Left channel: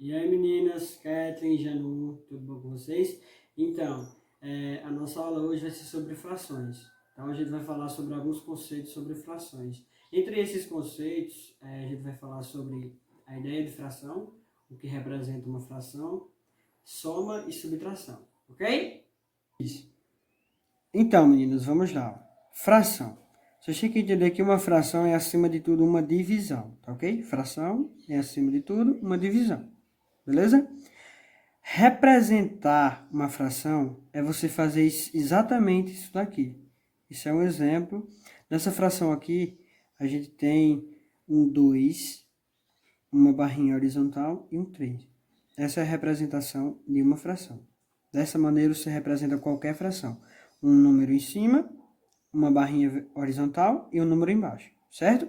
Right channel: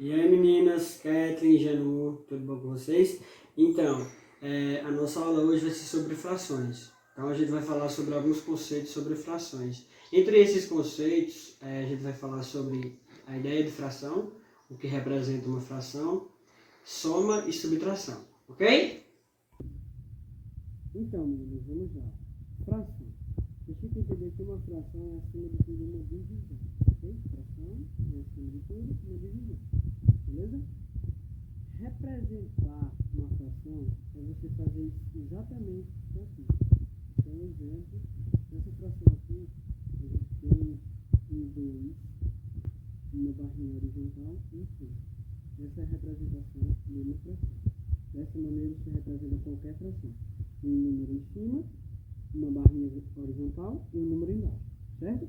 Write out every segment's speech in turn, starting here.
E aí meninas, Kathleen, Janu, tudo bom com vocês? Então, a nossa aula hoje vai ser sobre frações. Então a gente vai falar sobre alguns conceitos sobre frações. Entre esses conceitos, a gente vai falar sobre a ideia de fração, o que representa uma fração, soma e subtração, ok? Então meninos, vamos lá. Fração. Você tem que entender que uma fração é acima de tudo uma divisão, tá ok? Fração é acima de tudo uma divisão. Beleza? Representar uma fração é você fazer exatamente isso daqui. Isso é um exemplo. Nessa fração aqui, a gente tem um 2, uma barrinha horizontal e um 3. Essa é a representação de uma fração. Dessa maneira, você representa qualquer fração. Um número em cima, uma barrinha horizontal e um número embaixo, certo?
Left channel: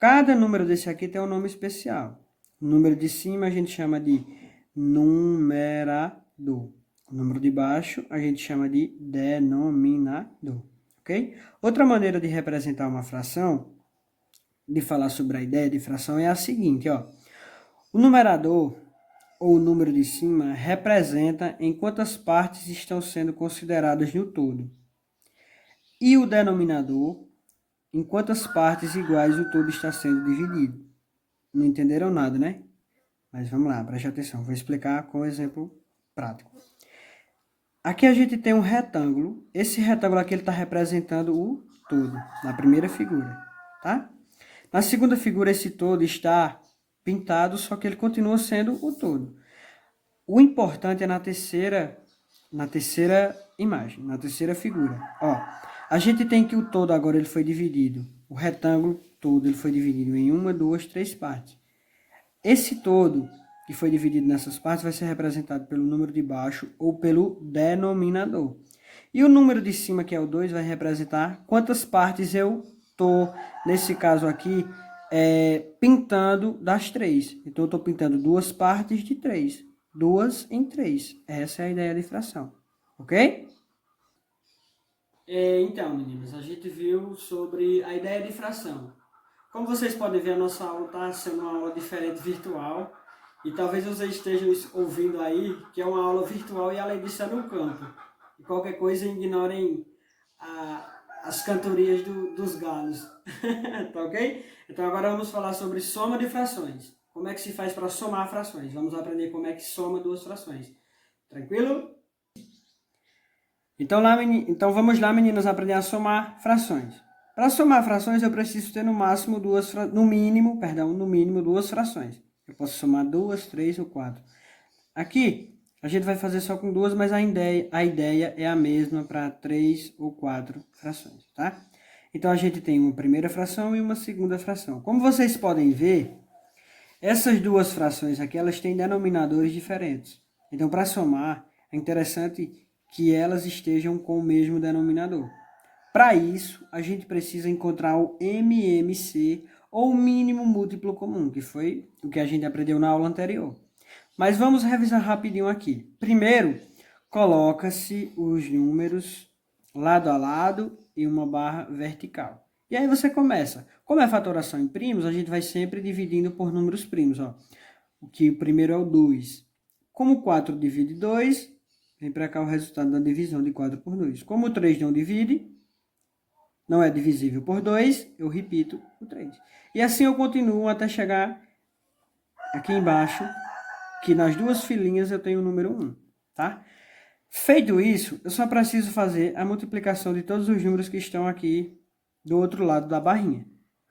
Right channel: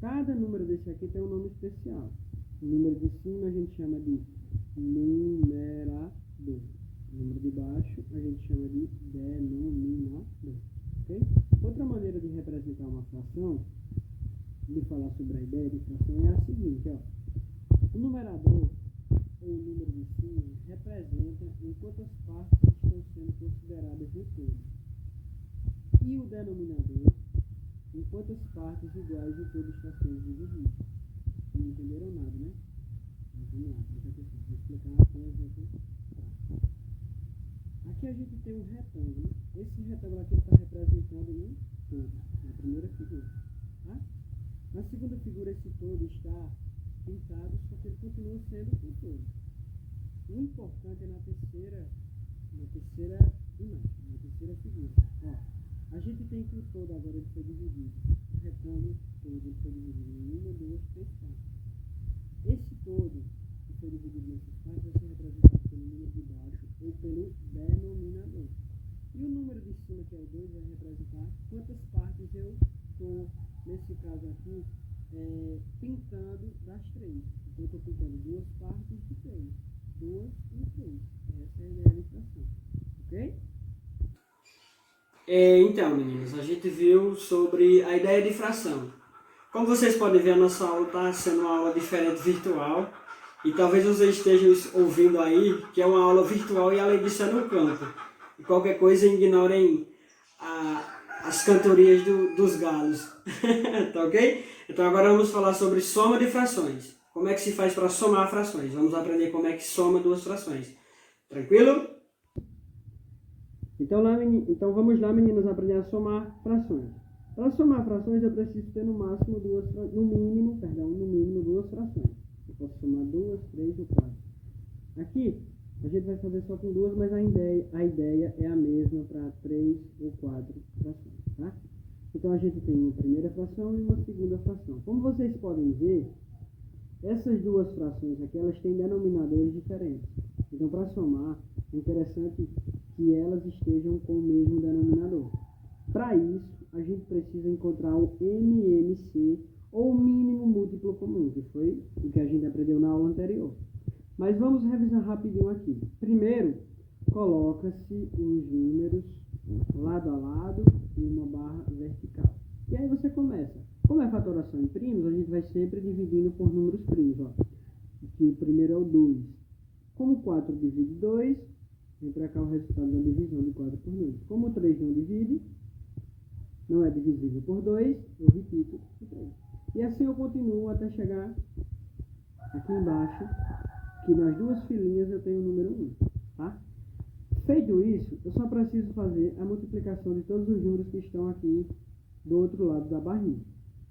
Cada número desse aqui tem um nome especial. O número de cima a gente chama de numerador. O número de baixo a gente chama de denominador, ok? Outra maneira de representar uma fração, de falar sobre a ideia de fração, é a seguinte, ó. O numerador, ou o número de cima, representa em quantas partes estão sendo consideradas no todo. E o denominador, em quantas partes iguais o todo está sendo dividido. Não entenderam nada, né? Mas vamos lá, preste atenção. Vou explicar com um exemplo prático. Aqui a gente tem um retângulo. Esse retângulo aqui está representando o todo, na primeira figura, tá? Na segunda figura, esse todo está pintado, só que ele continua sendo o todo. O importante é na terceira imagem, na terceira figura. Ó, a gente tem que o todo agora ele foi dividido. O retângulo todo ele foi dividido em 1, 2, 3 partes. Esse todo que foi dividido nessas partes vai ser representado pelo número de baixo ou pelo denominador. E o número de cima, que é o 2, vai representar quantas partes eu estou, nesse caso aqui, pintando das 3. Então, eu estou pintando 2 partes de 3. 2 em 3. Essa é a ideia de fração. Ok? Então, meninos, a gente viu sobre a ideia de fração. Como vocês podem ver, a nossa aula está sendo uma aula diferente virtual. E talvez vocês estejam ouvindo aí que é uma aula virtual e além disso é no campo. E qualquer coisa ignorem as cantorias dos galos. Tá ok? Então agora vamos falar sobre soma de frações. Como é que se faz para somar frações? Vamos aprender como é que soma duas frações. Tranquilo? Então vamos lá, meninas, aprender a somar frações. Para somar frações, eu preciso ter no mínimo duas frações. Eu posso somar 2, 3 ou 4. Aqui, a gente vai fazer só com 2, mas a ideia é a mesma para 3 ou 4 frações, tá? Então, a gente tem uma primeira fração e uma segunda fração. Como vocês podem ver, essas duas frações aqui, elas têm denominadores diferentes. Então, para somar, é interessante que elas estejam com o mesmo denominador. Para isso, a gente precisa encontrar o MMC, ou o mínimo múltiplo comum, que foi o que a gente aprendeu na aula anterior. Mas vamos revisar rapidinho aqui. Primeiro, coloca-se os números lado a lado e uma barra vertical. E aí você começa. Como é fatoração em primos, a gente vai sempre dividindo por números primos. Ó. O que o primeiro é o 2. Como 4 divide 2, vem para cá o resultado da divisão de 4 por 2. Como o 3 não divide, não é divisível por 2, eu repito o 3. E assim eu continuo até chegar aqui embaixo, que nas duas filinhas eu tenho o número 1, tá? Feito isso, eu só preciso fazer a multiplicação de todos os números que estão aqui do outro lado da barrinha,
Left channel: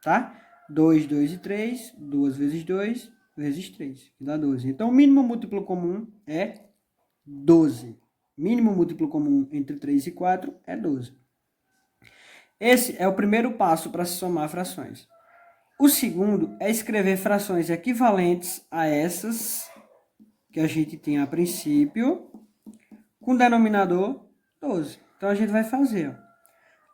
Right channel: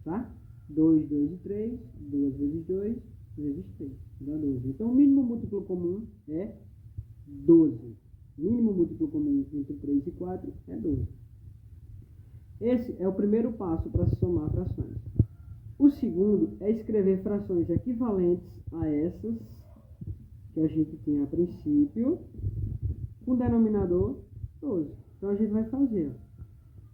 tá? 2, 2 e 3, 2 vezes 2, vezes 3, que dá 12. Então, o mínimo múltiplo comum é 12. Mínimo múltiplo comum entre 3 e 4 é 12. Esse é o primeiro passo para se somar frações. O segundo é escrever frações equivalentes a essas que a gente tinha a princípio, com denominador 12. Então, a gente vai fazer, ó,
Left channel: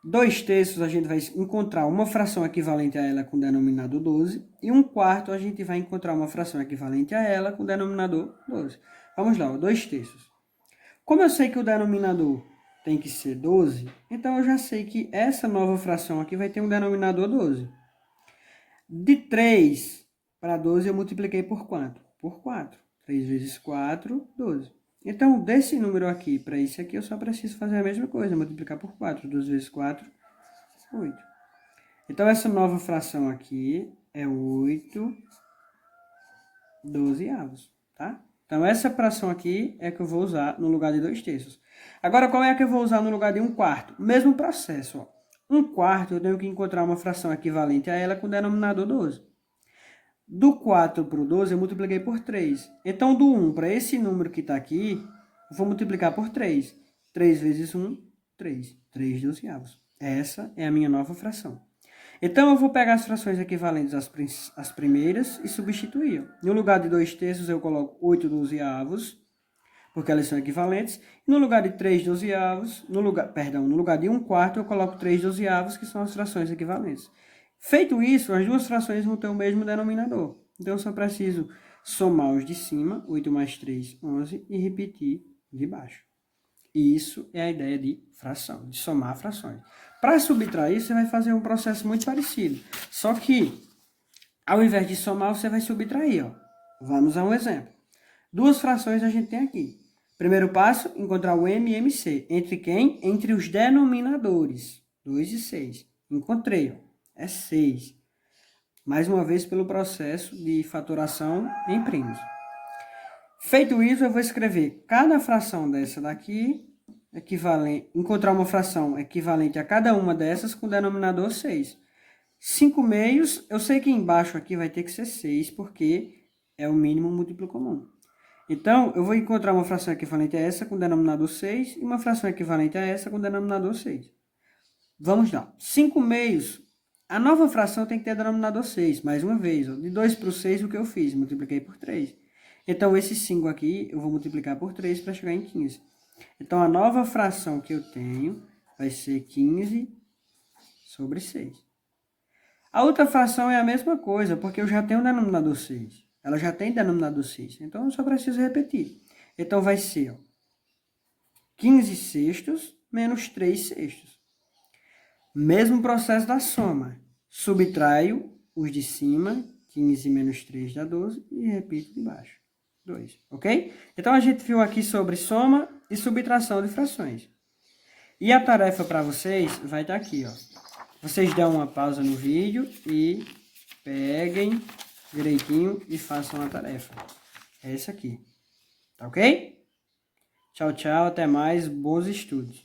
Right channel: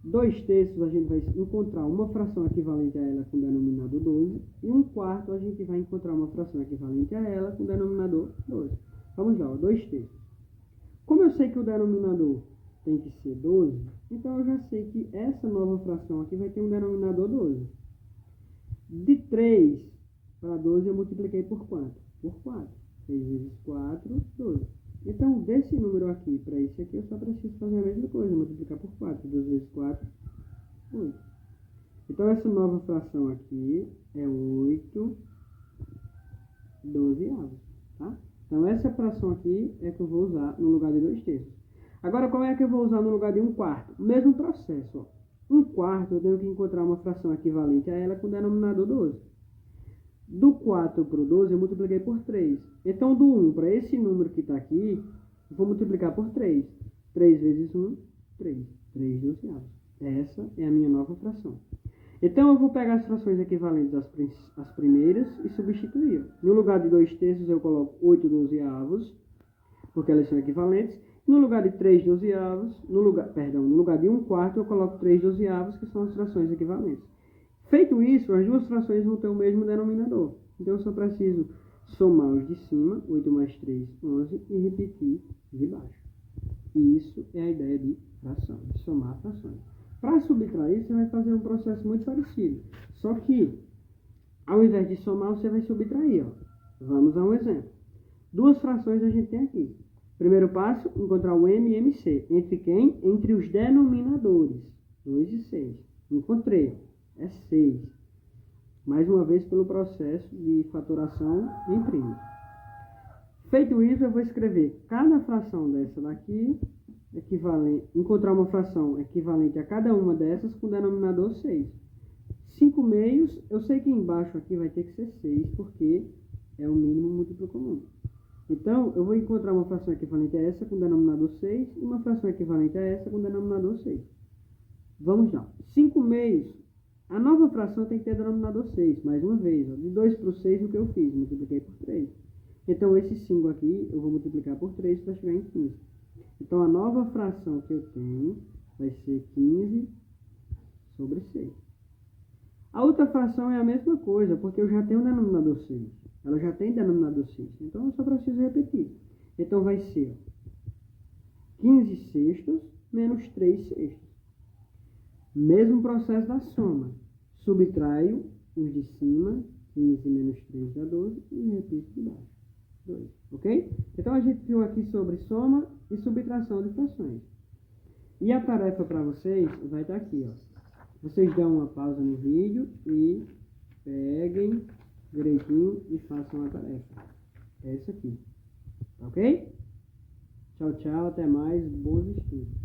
2/3 a gente vai encontrar uma fração equivalente a ela com denominador 12, e 1/4 a gente vai encontrar uma fração equivalente a ela com denominador 12. Vamos lá, ó, 2/3. Como eu sei que o denominador tem que ser 12, então eu já sei que essa nova fração aqui vai ter um denominador 12. De 3 para 12 eu multipliquei por quanto? Por 4. 3 vezes 4, 12. Então, desse número aqui para esse aqui, eu só preciso fazer a mesma coisa, multiplicar por 4. 2 vezes 4, 8. Então, essa nova fração aqui é 8 12avos, tá? Então, essa fração aqui é que eu vou usar no lugar de 2/3. Agora, qual é a que eu vou usar no lugar de 1/4? Mesmo processo, ó. 1/4 eu tenho que encontrar uma fração equivalente a ela com denominador 12. Do 4 para o 12 eu multipliquei por 3. Então, do 1 para esse número que está aqui, eu vou multiplicar por 3. 3 vezes 1, 3. 3 12avos. Essa é a minha nova fração. Então, eu vou pegar as frações equivalentes às primeiras e substituir. No lugar de 2/3 eu coloco 8 12avos, porque elas são equivalentes. No lugar de 3 12avos, no lugar de 1/4 eu coloco 3 12avos, que são as frações equivalentes. Feito isso, as duas frações vão ter o mesmo denominador. Então, eu só preciso somar os de cima, 8 mais 3, 11, e repetir de baixo. Isso é a ideia de fração, de somar frações. Para subtrair, você vai fazer um processo muito parecido. Só que, ao invés de somar, você vai subtrair. Ó. Vamos a um exemplo. Duas frações a gente tem aqui. Primeiro passo, encontrar o M e MC. Entre quem? Entre os denominadores. 2 e 6. Encontrei, ó. É 6. Mais uma vez, pelo processo de fatoração em primos. Feito isso, eu vou escrever cada fração dessa daqui, encontrar uma fração equivalente a cada uma dessas com o denominador 6. 5/2, eu sei que embaixo aqui vai ter que ser 6, porque é o mínimo múltiplo comum. Então, eu vou encontrar uma fração equivalente a essa com o denominador 6 e uma fração equivalente a essa com o denominador 6. Vamos lá. 5/2. A nova fração tem que ter denominador 6, mais uma vez. Ó. De 2 para o 6, o que eu fiz? Multipliquei por 3. Então, esse 5 aqui, eu vou multiplicar por 3 para chegar em 15. Então, a nova fração que eu tenho vai ser 15 sobre 6. A outra fração é a mesma coisa, porque eu já tenho o denominador 6. Ela já tem denominador 6. Então, eu só preciso repetir. Então, vai ser ó, 15 sextos menos 3 sextos. Mesmo processo da soma. Subtraio os de cima, 15 menos 3 dá 12, e repito de baixo, 2, ok? Então, a gente viu aqui sobre soma e subtração de frações. E a tarefa para vocês vai estar aqui, ó. Vocês dão uma pausa no vídeo e peguem direitinho e façam a tarefa. É essa aqui, tá ok? Tchau, tchau, até mais, bons estudos.